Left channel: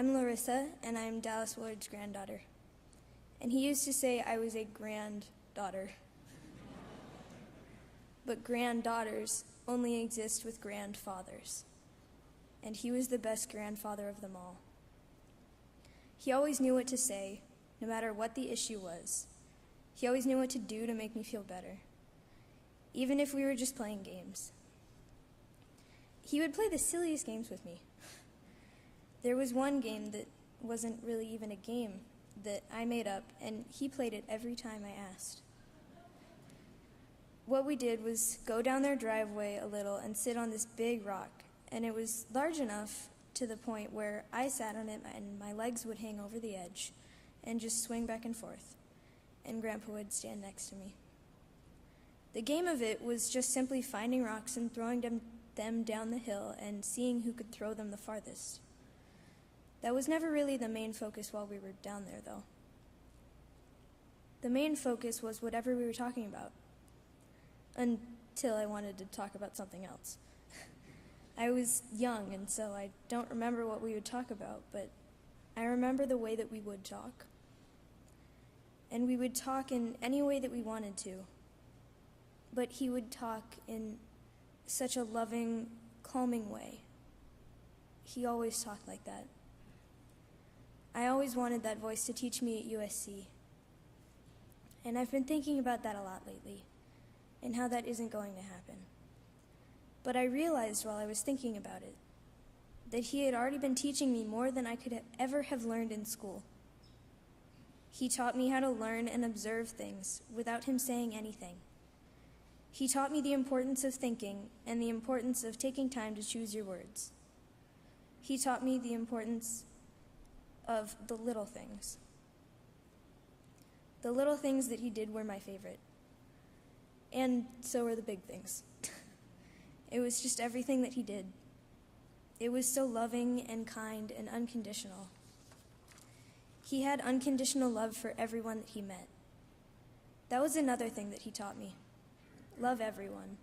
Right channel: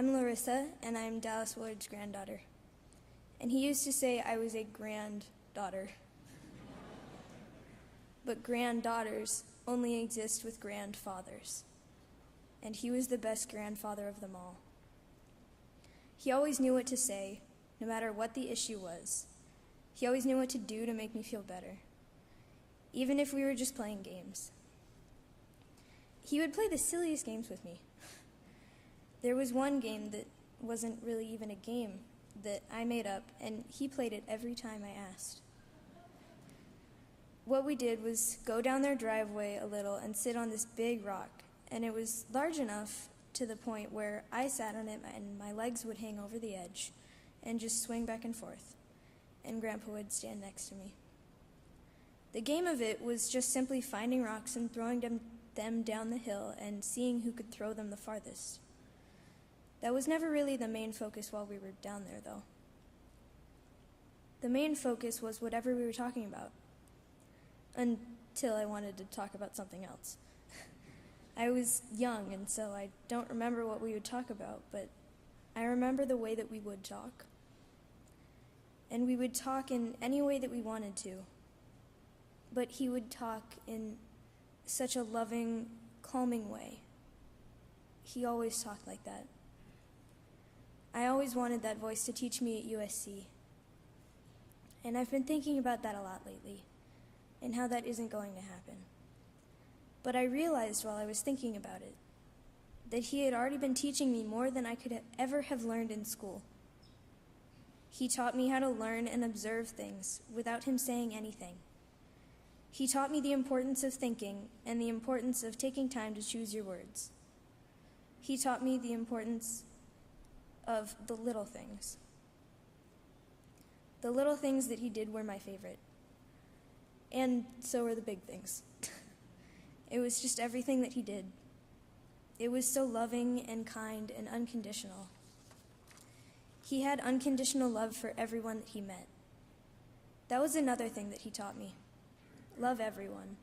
I'm Larissa, and I'm Dallas Willard's granddaughter. And he used to say I was a granddaughter. But granddaughters only exist with grandfathers. And he was the best grandfather of them all. He always knew what to say, no matter what the issue was. He always knew what to do to make me feel better, even if we were just playing games. He would play the silliest games with me. There was one game that wasn't really even a game that I made up, and he played it every time I asked. What we did was go down their driveway a little and sit on this big rock, and it was large enough to the point where I sat on it and my legs would hang over the edge and just swing back and forth, and Grandpa would stand next to me. The game of it was just simply finding rocks and throwing them down the hill and seeing who could throw them the farthest. That was never really the main focus while we were down there, though. The main focus was whatever we were talking about, until I wanted to talk about something else. I was young, and so I don't remember what we would talk about, but I remember the way that we would talk. And we would talk in any way that we wanted to. But he would talk in such a loving, calming way. He always talked like that. I always wanted that voice to teach me at USC. And I've been thinking about that a lot lately, and how that isn't going to happen. But I realized while I was thinking about it, that he had already been teaching me more than I could ever have learned in school. He taught me how to learn and observe things without him saying anything. He taught me the importance of thinking and the importance of taking time to choose your words. He taught me the importance of the little things. The little things that he did were my favorite. And so were the big things. It was just everything that he did. It was so loving and kind and unconditional. He had unconditional love for everyone that he met. That was another thing that he taught me. Love everyone.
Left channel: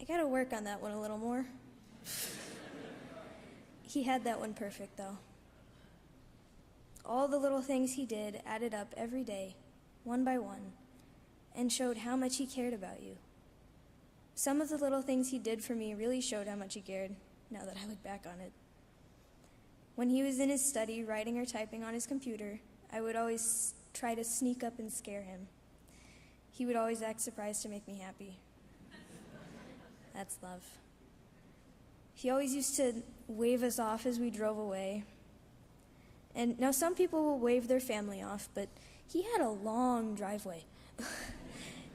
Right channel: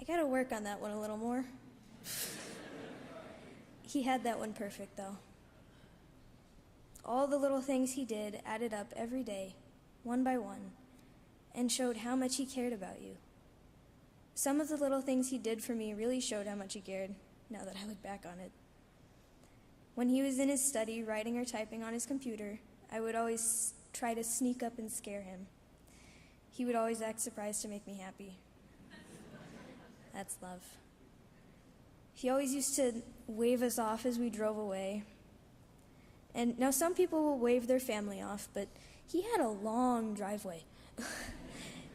I gotta work on that one a little more. He had that one perfect, though. All the little things he did added up every day, one by one, and showed how much he cared about you. Some of the little things he did for me really showed how much he cared, now that I look back on it. When he was in his study, writing or typing on his computer, I would always try to sneak up and scare him. He would always act surprised to make me happy. That's love. He always used to wave us off as we drove away. And now some people will wave their family off, but he had a long driveway.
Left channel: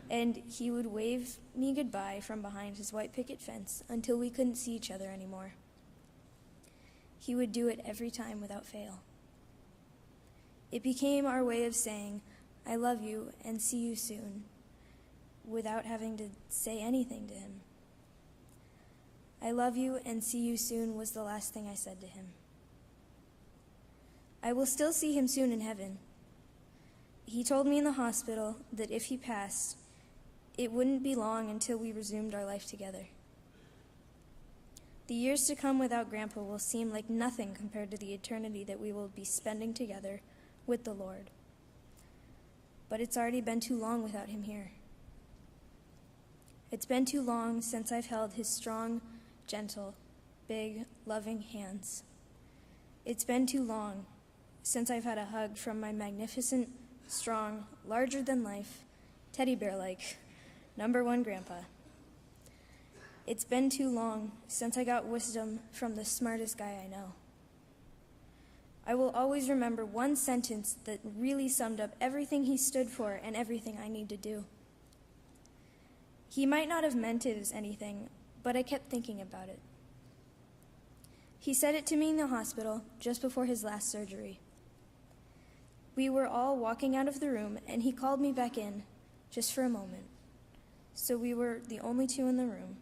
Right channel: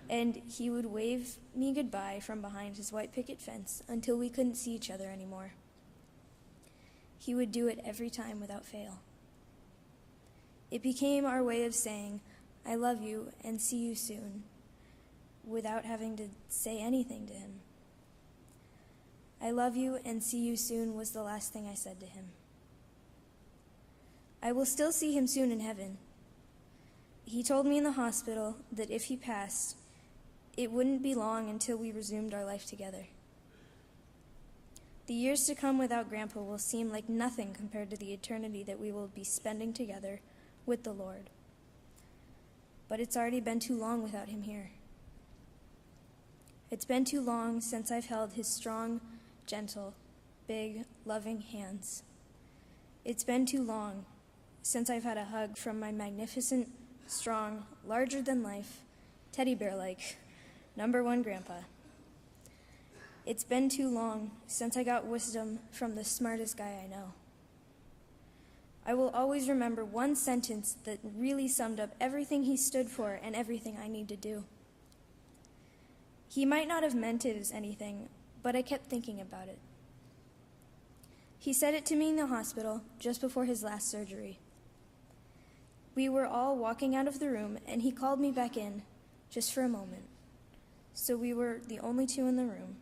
And he would wave me goodbye from behind his white picket fence until we couldn't see each other anymore. He would do it every time without fail. It became our way of saying, I love you and see you soon, without having to say anything to him. I love you and see you soon was the last thing I said to him. I will still see him soon in heaven. He told me in the hospital that if he passed, it wouldn't be long until we resumed our life together. The years to come without Grandpa will seem like nothing compared to the eternity that we will be spending together with the Lord. But it's already been too long without him here. It's been too long since I've held his strong, gentle, big, loving hands. It's been too long since I've had a hug from my magnificent, strong, larger-than-life, teddy bear-like, #1 Grandpa. It's been too long since I got wisdom from the smartest guy I know. I will always remember one sentence that really summed up everything he stood for and everything I need to do. He might not have meant it as anything, but I kept thinking about it. He said it to me in the hospital just before his last surgery. We were all walking out of the room, and he called me back in, just for a moment. So we were the only two in the room.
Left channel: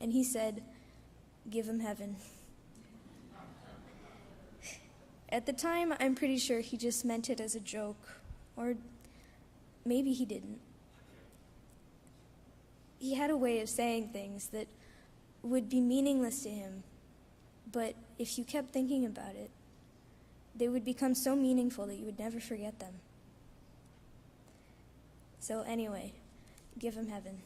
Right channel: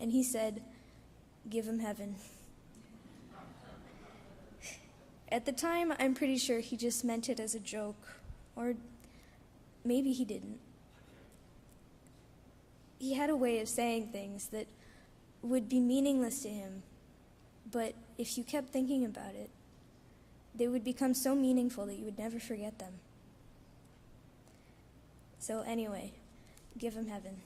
And he said, give him heaven. At the time, I'm pretty sure he just meant it as a joke, or maybe he didn't. He had a way of saying things that would be meaningless to him, But if you kept thinking about it, they would become so meaningful that you would never forget them. So anyway, give him heaven.